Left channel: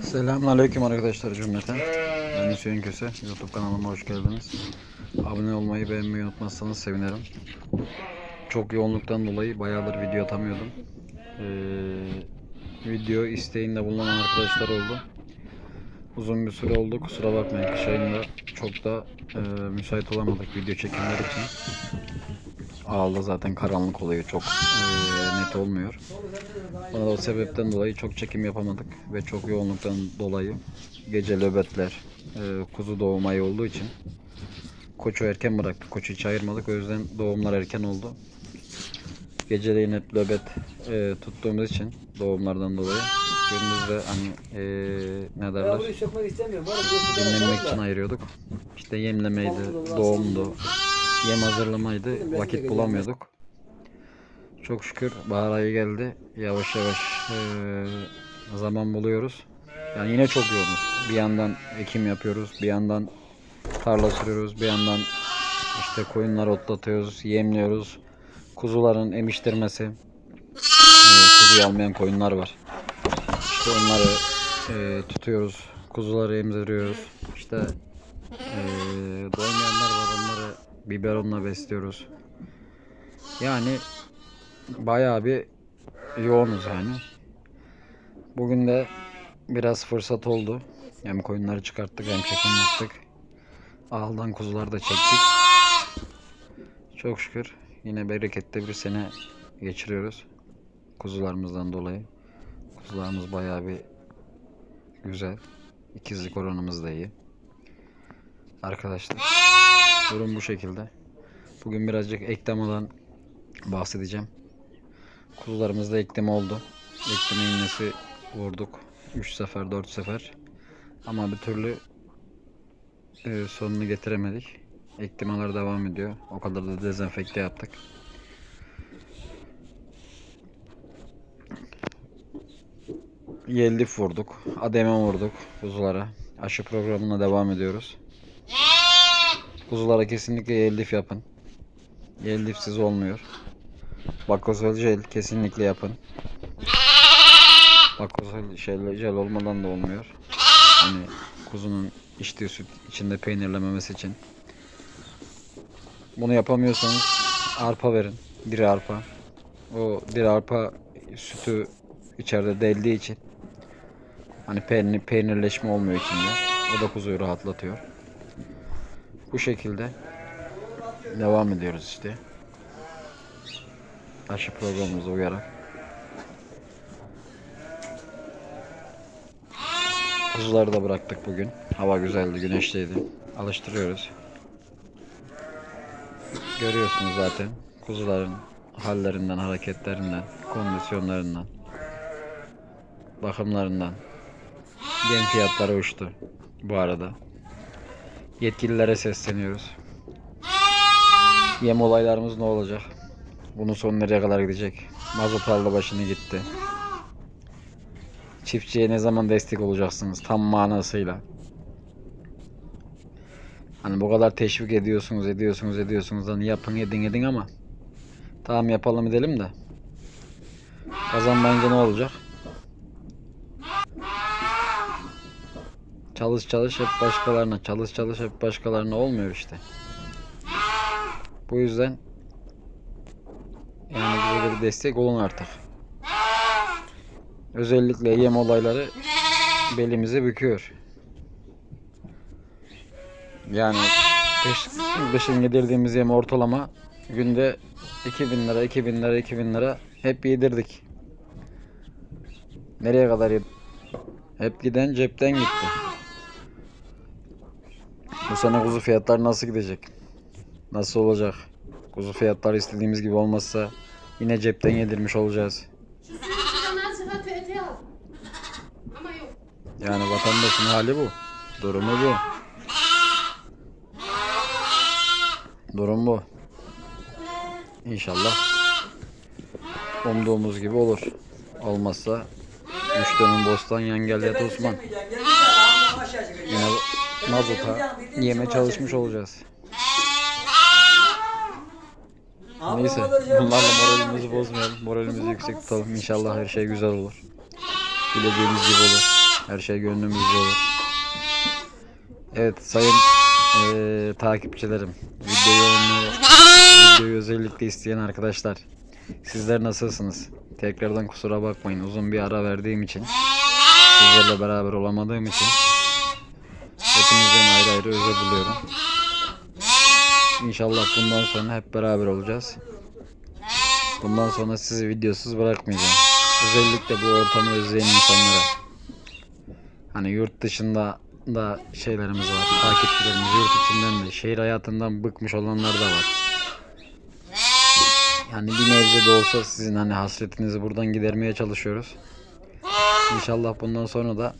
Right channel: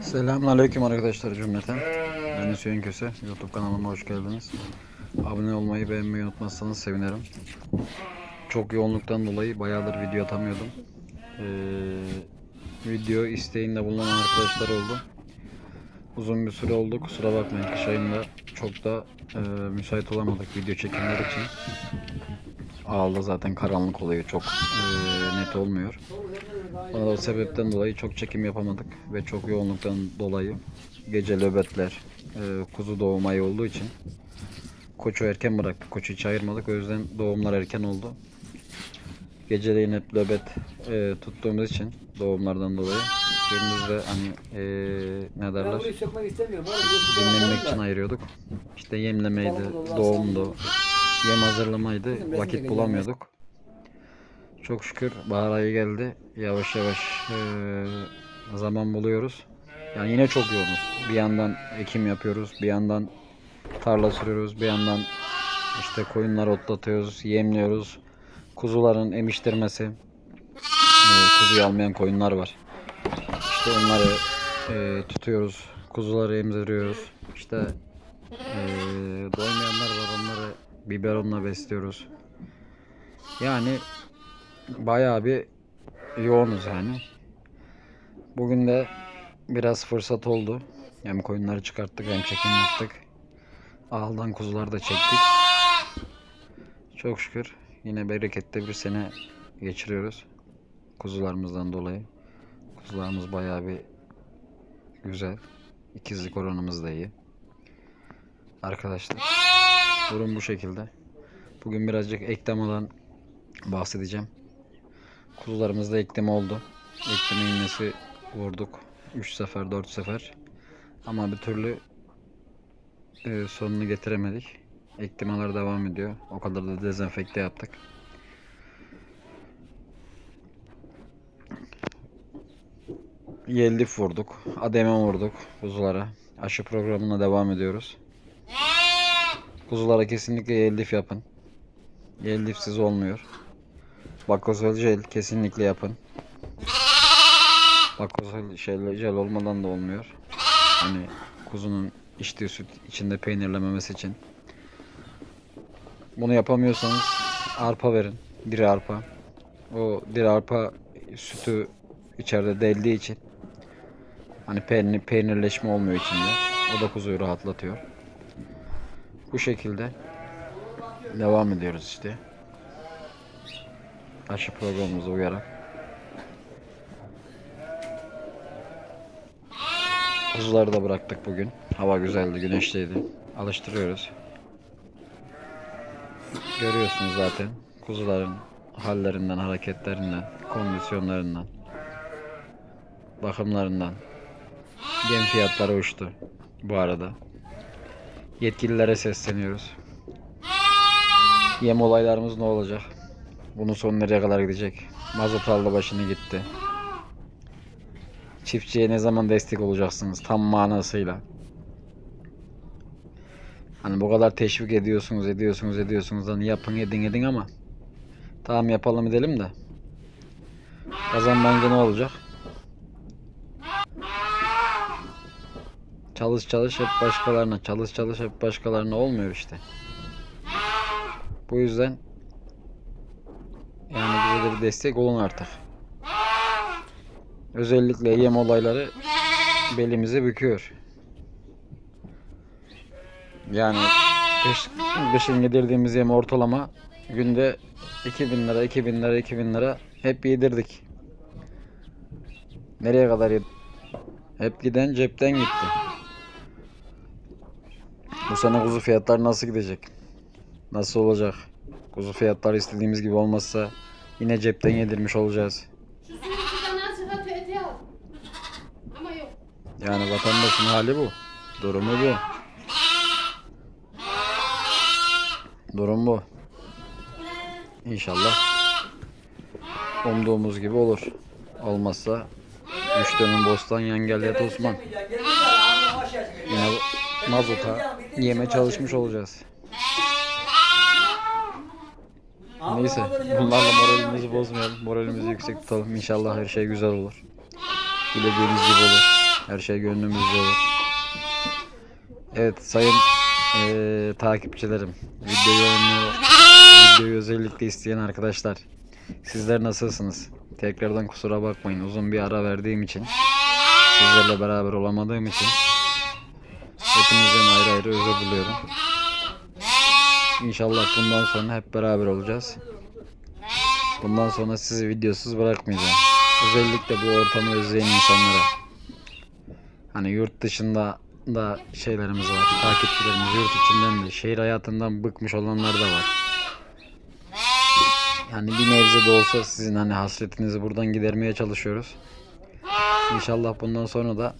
Selamünaleyküm arkadaşlar cümleten. Ben Hüseyin Köse. YouTube kanalıma hoş geldiniz. Abone olmayı, beğenmeyi unutmazsanız sevinirim. Çok yoğunluktan dolayı bayağıdır video atamıyordum. Ee, video isteğinde bulunan arkadaşlar oldu. Uzun bir süre oldu. Kusura bakmayın. Kış ayında çok da e, müsait olamadık video çekimler için. Ağılda zaten karanlık oluyor. Çok e, net olmuyor. Bana da o sebepten dolayı çok çekim yapamadık ve çok yoğunluktan dolayı gece nöbetler, e, kuzu doğum ayı olduğu için koçu erken bıraktık. Koçu hiç ayırmadık. O yüzden doğumlar erken oldu. Geceleyin hep nöbet e, tuttuğumuz için doğumlardan dolayı gündüzde hani e, ne derler dinlenmek için ayırıyorduk. İşte yemlemeydi, doğumdu, yem hazırlamaydı. Vakit bulamıyorduk. Çok şükür bahar ayı geldi. Yavaş yavaş eee, zaman buluyoruz. Yani yine çok yoğunuz. Bir yandan ekim yapıyoruz, bir yandan tarla sürüyoruz, bir yandan işte koyunları otlatıyoruz, yemliyoruz. Kuzuların emiştirmesi. Eee, kuzuyu almayan koyunlar var. İşte onları eee, tutuyoruz. Kuzuları emziriyoruz. İşte eee doymayanlar var biberonla besliyoruz. Yani bayağı bir yoğunuz yani. Bugün de biraz fırsat oldu. Hem koyunları çıkarttık hem çekim yaptık. Ağıldan kuzuları da çektik. Çok şükür yine bereketli bir sene geçiriyoruz. Kuzularımızdan dolayı. Kuzularımız bayağı bir güzel. İkizlik oranımız da iyi. Arkadaşlar durum bu şekilde. Bugün birazcık eklemadan bahsedeceğim. Kuzularımızda eklem oldu. Ekleme iğnesi vurduk. 3 sefer 4 sefer. Ama bir türlü e, sonunu getiremedik. Eklimalar devam ediyor. O kadar da dezenfekte yaptık. Yellif vurduk. Ademe vurduk kuzulara. Aşı programına devam ediyoruz. Kuzulara kesinlikle yellif yapın. Yellifsiz olmuyor. Bakozol jel kesinlikle yapın. Bakozol jel, jel olmadan da olmuyor. Hani kuzunun içtiği süt içinde peynirlememesi için. Bunu yapamıyorsanız arpa verin. Diri arpa. O diri arpa sütü içeride deldiği için hani peynir, peynirleşme olmuyor içinde. O da kuzuyu rahatlatıyor. Bu şekilde devam ediyoruz işte aşı programımıza uyarak. Kuzuları da bıraktık bugün. Hava güzeldi, güneşliydi. Alıştırıyoruz. Görüyorsunuz zaten kuzuların hallerinden, hareketlerinden, kondisyonlarından, bakımlarından. Yem fiyatları uçtu bu arada. Yetkililere sesleniyoruz. Yem olaylarımız ne olacak? Bunun sonu nereye kadar gidecek? Mazot aldı başını gitti. Çiftçiye ne zaman destek olacaksınız tam manasıyla? Hani bu kadar teşvik ediyorsunuz, ediyorsunuz, ediyorsunuz. Hani yapın, edin, edin ama tamam yapalım edelim de kazanmayınca ne olacak? Çalış çalış hep başkalarına, çalış çalış hep başkalarına olmuyor işte. Bu yüzden yani bize de bir destek olun artık. Özellikle yem olayları belimizi büküyor. Yani kış, kışın yedirdiğimiz yem ortalama günde 2000 lira, 2000 lira, 2000 lira hep yedirdik. Nereye kadar yedik? Hep giden cepten gitti. Bu sene kuzu fiyatları nasıl gidecek? Nasıl olacak? Kuzu fiyatları istediğimiz gibi olmazsa yine cepten yedirmiş olacağız. Yani vatandaşın hali bu. Durumu bu. Durum bu. İnşallah umduğumuz gibi olur. Olmazsa üç dönüm bostan yengel yat Osman. Yine mazota yeme çalışmış olacağız. Neyse bunlarla moralimizi bozmayalım. Moralimizi yüksek tutalım. İnşallah her şey güzel olur. Dilediğimiz gibi olur. Her şey gönlümüzce olur. Evet sayın eee, takipçilerim. Video yoğunluğu, videoyu özellikle isteyen arkadaşlar. Sizler nasılsınız? Tekrardan kusura bakmayın. Uzun bir ara verdiğim için. Sizlerle beraber olamadığım için. Hepinizden ayrı ayrı özür diliyorum. İnşallah bundan sonra hep beraber olacağız. Bundan sonra sizi videosuz bırakmayacağım. Özellikle bu ortamı özleyen insanlara. Hani yurt dışında da şeylerimiz var. Takipçilerimiz yurt içinden de şehir hayatından bıkmış olanlar da var. Yani bir nebze de olsa sizin hani hasretinizi buradan gidermeye çalışıyoruz. İnşallah bundan sonra da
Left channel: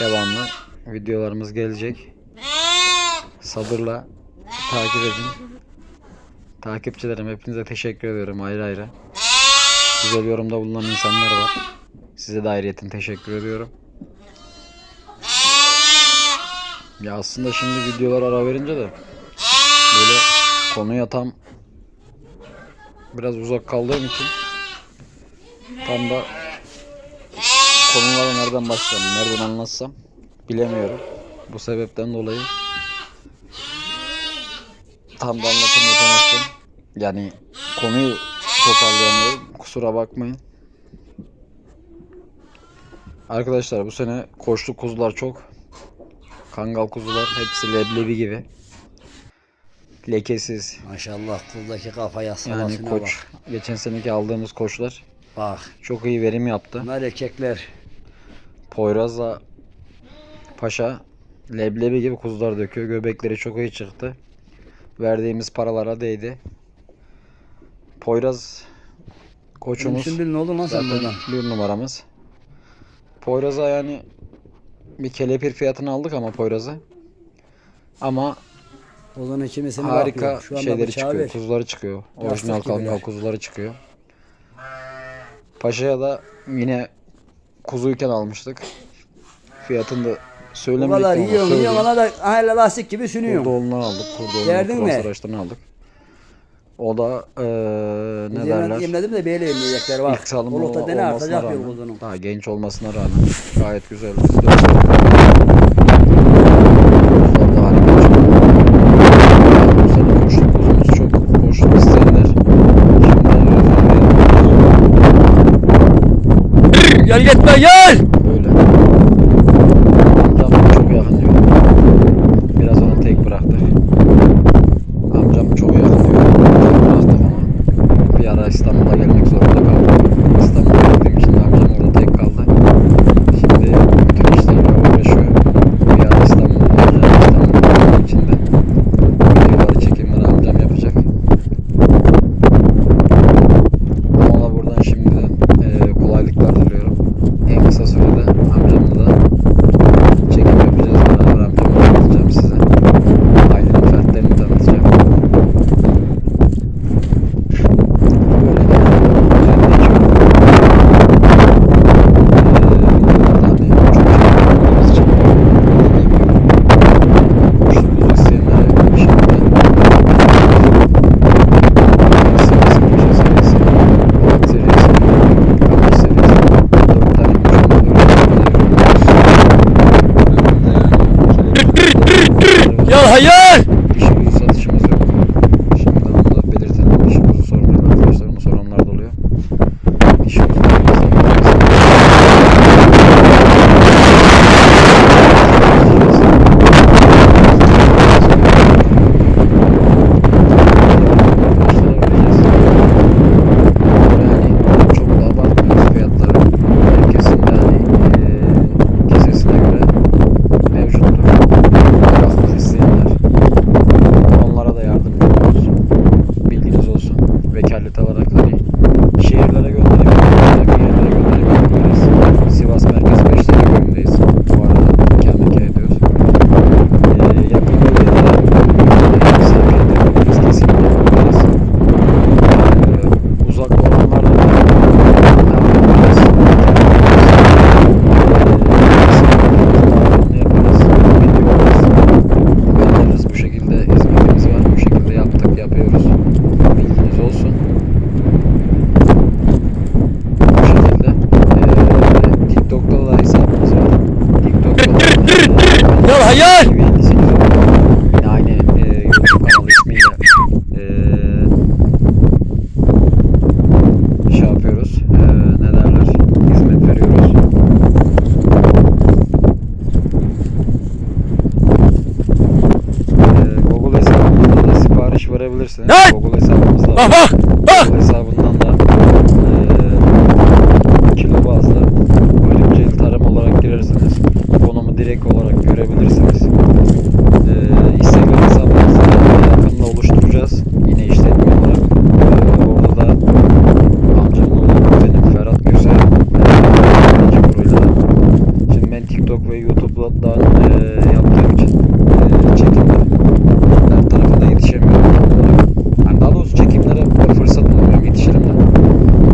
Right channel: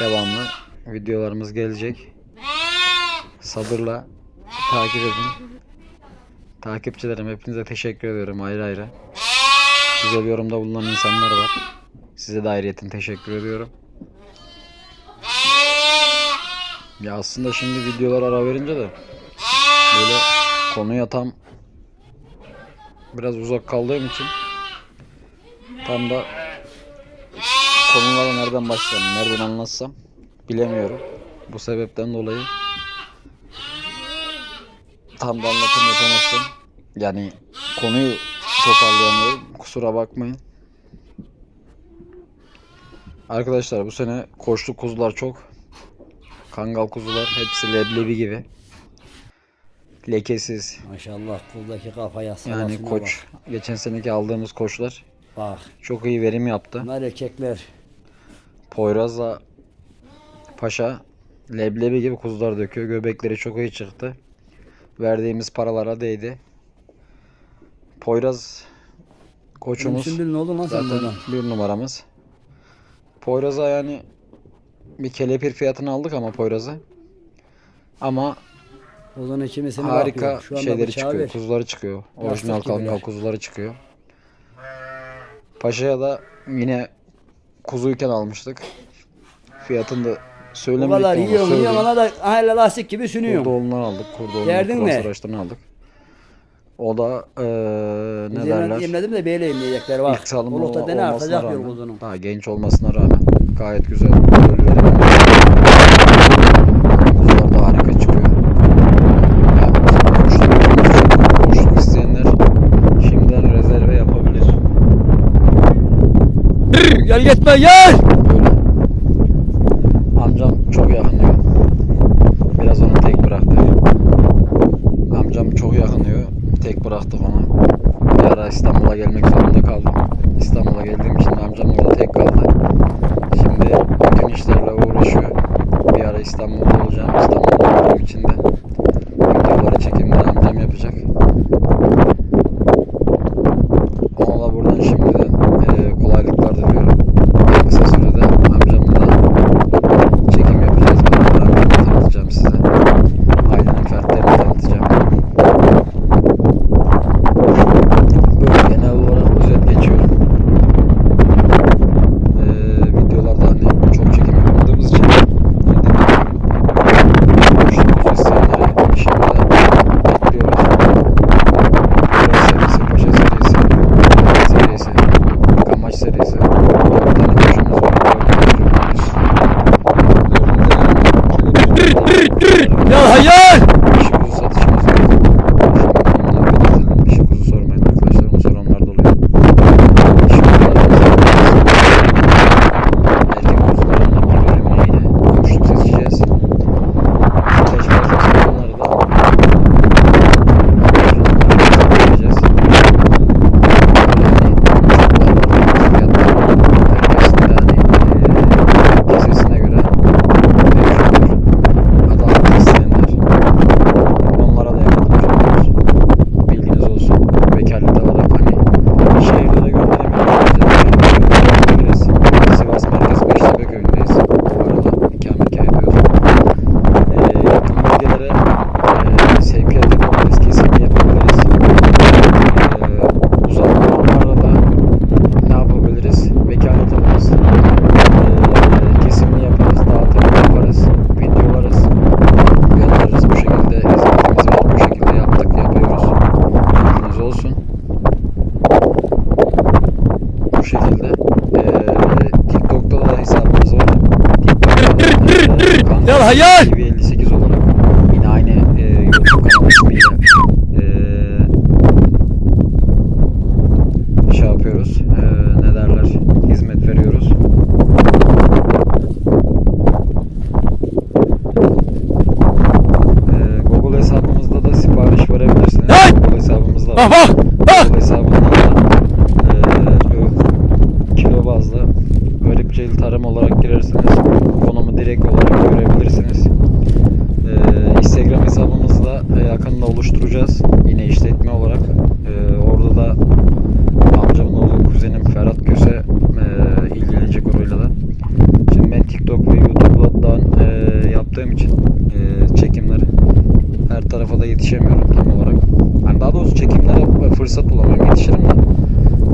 devamlı videolarımız gelecek. Sabırla takip edin. Takipçilerim hepinize teşekkür ediyorum ayrı ayrı. Güzel yorumda bulunan insanlar var. Size de ayrıyeten teşekkür ediyorum. Ya aslında şimdi videolar ara verince de böyle konuya tam biraz uzak kaldığım için tam da konulara nereden başlasam, nereden anlatsam bilemiyorum. Bu sebepten dolayı tam da anlatım yapamazsın. Yani konuyu toparlayamıyorum. Kusura bakmayın. Arkadaşlar bu sene koçlu kuzular çok. Kangal kuzular hepsi leblebi gibi. Lekesiz. Maşallah kuldaki kafaya Yani koç. Geçen seneki aldığımız koçlar Bak. çok iyi verim yaptı. Bunlar erkekler. Poyraz'la Paşa leblebi gibi kuzular döküyor. Göbekleri çok iyi çıktı. Verdiğimiz paralara değdi. Poyraz koçumuz Sümbül ne oldu lan sen buradan? bir numaramız. Poyraz'a yani bir kelepir fiyatını aldık ama Poyraz'a. Ama O zaman kimisini harika. Şu şeyleri çıkıyor. ver. Kuzuları çıkıyor. Orijinal kangal kuzuları çıkıyor. Paşa'ya da yine kuzuyken almıştık. Fiyatını da söylemedik kadar ama yiyorsun söyleyeyim. yiyorsun ona da hala lastik gibi sünüyorsun. Kurdoğlu'ndan aldık. Kurdoğlu'ndan Derdin ne? Kurasaraç'tan aldık. O da eee ne Biz derler? Yemledim de böyle yemeyecekler bak. İlk salımı Olukta dene olmasına artacak bir rağmen, kuzunun. daha genç olmasına rağmen gayet güzel. Kuzular da harika çıkıyor. Abimizin boşluk kuzumuz çok. Boşluk isteyenler şimdiden rezerve yapıyorlar. Gel gitme gel. Hayır. TV 58 oldu. Yine aynı e, YouTube kanalı ismiyle e, şey yapıyoruz. E, ne derler? Hizmet veriyoruz. E, Google hesabımızda da sipariş verebilirsiniz. Google hesabımızda Bak var. bak. Bak. Google hesabından da e, kilo bazlı bölümcel tarım olarak girersiniz. Konumu direkt olarak görebilirsiniz. E, Instagram hesabımızı da yakında oluşturacağız. Yine işletme olarak. E, orada da amcamın oğlu kuzenim Ferhat Köse e, Birinci Guru'yla da. Şimdi ben TikTok ve YouTube'dan e, yaptığım için e, çekimleri her tarafa da yetişemiyorum tam olarak. Yani daha doğrusu çekimlere fırsat bulamıyorum yetişirim de.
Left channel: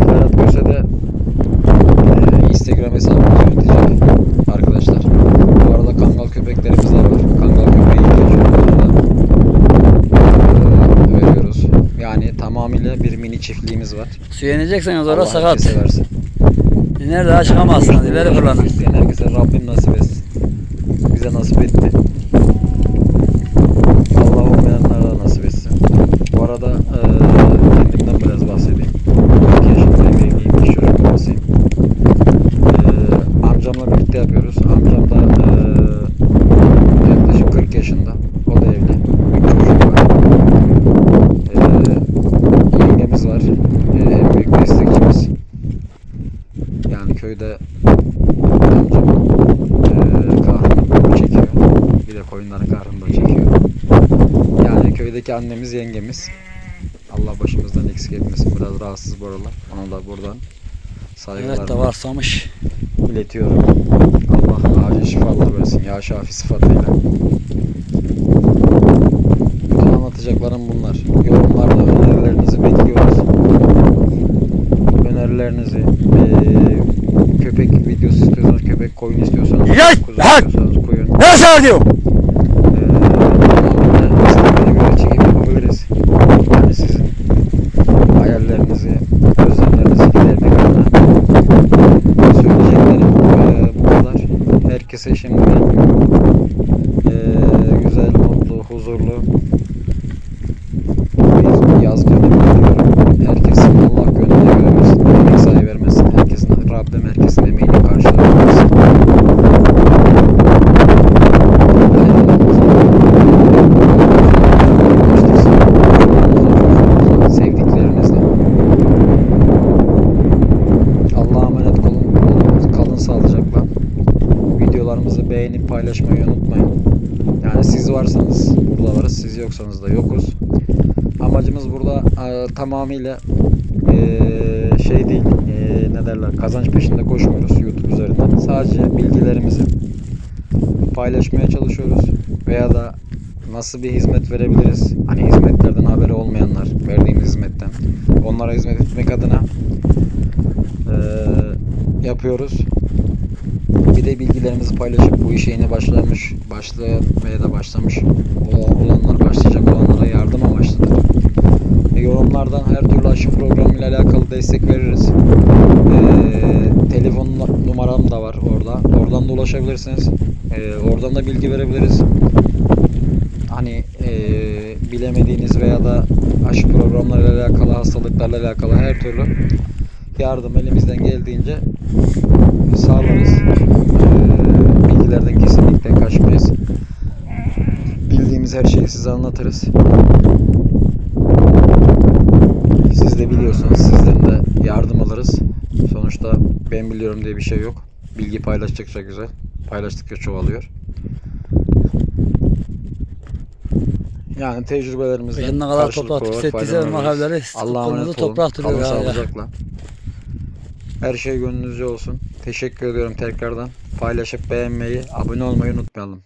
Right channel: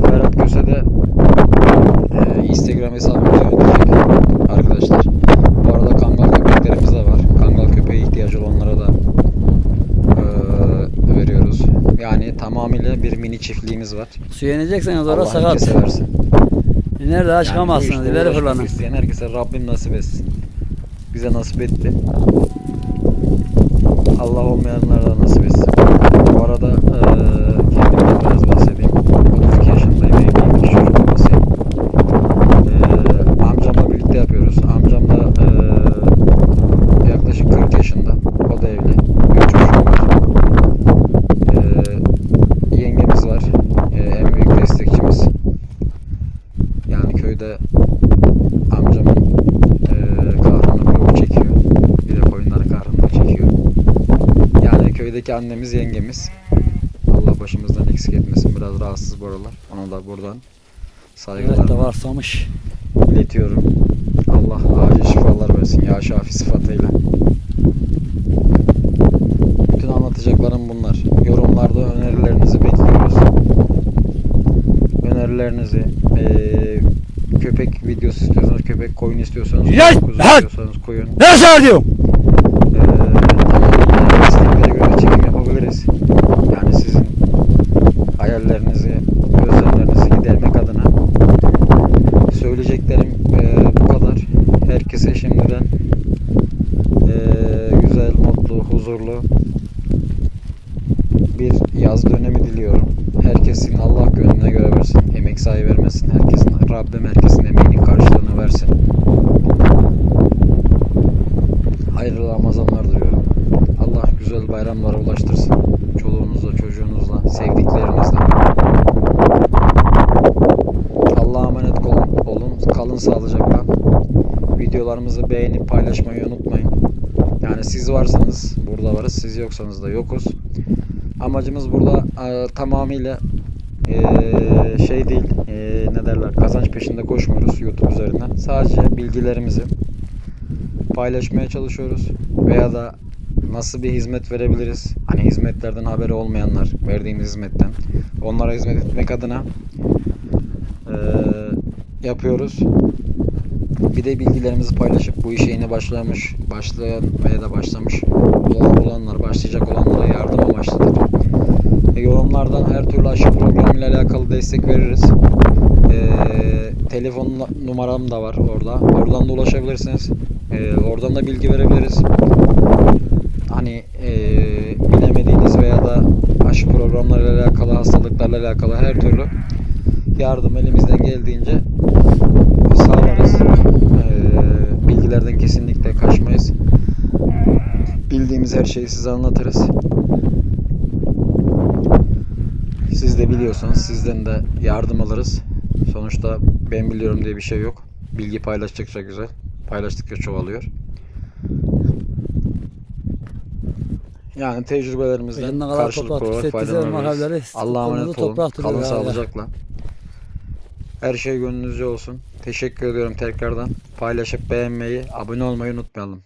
Ferhat Köse de e, Instagram hesabımızı yönetecek arkadaşlar. Bu arada kangal köpeklerimiz de var. Kangal köpeği ihtiyacı olanlara da e, veriyoruz. Yani tamamıyla bir mini çiftliğimiz var. Su yenecekseniz orada Allah sakat. herkese versin. Nerede daha Yani çıkamazsınız. işte İleri fırlanın. herkese Rabbim nasip etsin. Bize nasip etti. Allah olmayanlara da nasip etsin. Bu arada eee kendimden biraz bahsedeyim. 32 yaşındayım, evliyim, iki çocuk babasıyım. Eee amcamla birlikte yapıyoruz. Amcam da eee yaklaşık 40 yaşında. O da evli. Üç çocuğu var. Eee yengemiz var. Eee, en büyük destekçimiz. Yani köyde amcamın eee kahrını bu çekiyor. Bir de koyunların kahrını da çekiyor. Yani köydeki annemiz yengemiz. Allah başımızdan eksik etmesin. Biraz rahatsız bu aralar. Ona da buradan Evet de saygılarımı varsamış. iletiyorum. Allah acil şifalar versin ya şafi sıfatıyla. Bütün anlatacaklarım bunlar. Yorumlarda önerilerinizi bekliyoruz. Önerilerinizi eee, köpek videosu istiyorsanız köpek, koyun istiyorsanız kuzu istiyorsanız koyun. Ne şey Yani sizin hayallerinizi, özlemlerinizi gidermek adına söyleyeceklerim eee, bu kadar. Herkese şimdiden eee, güzel, mutlu, huzurlu bir yaz dönemi diliyorum. Herkesin Allah gönlüne göre versin. Emek sahi vermesin. Herkesin, Rabbim herkesin emeğini karşılığını versin. Hayırlı Ramazanlar. Allah güzel bayramlara ulaştırsın. Çoluğunuzla, çocuğunuzla, sevdiklerinizle. Allah'a emanet olun. olun. Kalın sağlıcakla. Videolarımızı beğenip paylaşmayı unutmayın. Yani siz varsanız burada varız, siz yoksanız da yokuz. Amacımız burada e, tamamıyla e, şey değil, e, ne derler, kazanç peşinde koşmuyoruz YouTube üzerinden. Sadece bilgilerimizi paylaşmaya çalışıyoruz veya da nasıl bir hizmet verebiliriz? Hani hizmetlerden haberi olmayanlar, verdiğimiz hizmetten onlara hizmet etmek adına e, yapıyoruz. Bir de bilgilerimizi paylaşıp bu işe yeni başlamış, başlayan da başlamış olanlar, başlayacak olanlara yardım amaçlıdır. E, yorumlardan her türlü aşı programıyla alakalı destek veririz. E, telefon numaram da var orada. Oradan da ulaşabilirsiniz. E, oradan da bilgi verebiliriz. Hani e, bilemediğiniz veya da aşı programlarıyla alakalı, hastalıklarla alakalı her türlü yardım elimizden geldiğince sağlarız. Ee, bilgilerden kesinlikle kaçmayız. Bildiğimiz her şeyi size anlatırız. Siz de biliyorsunuz. Sizden de yardım alırız. Sonuçta ben biliyorum diye bir şey yok. Bilgi paylaştıkça güzel. Paylaştıkça çoğalıyor. Yani tecrübelerimizden Bugün ne kadar olarak tükettiğiniz faydalanıyoruz. mahalleleri Allah'a emanet olun. toprak duruyor Kalın ya. sağlıcakla. Her şey gönlünüzce olsun. Teşekkür ediyorum tekrardan. Paylaşıp beğenmeyi, abone olmayı unutmayalım.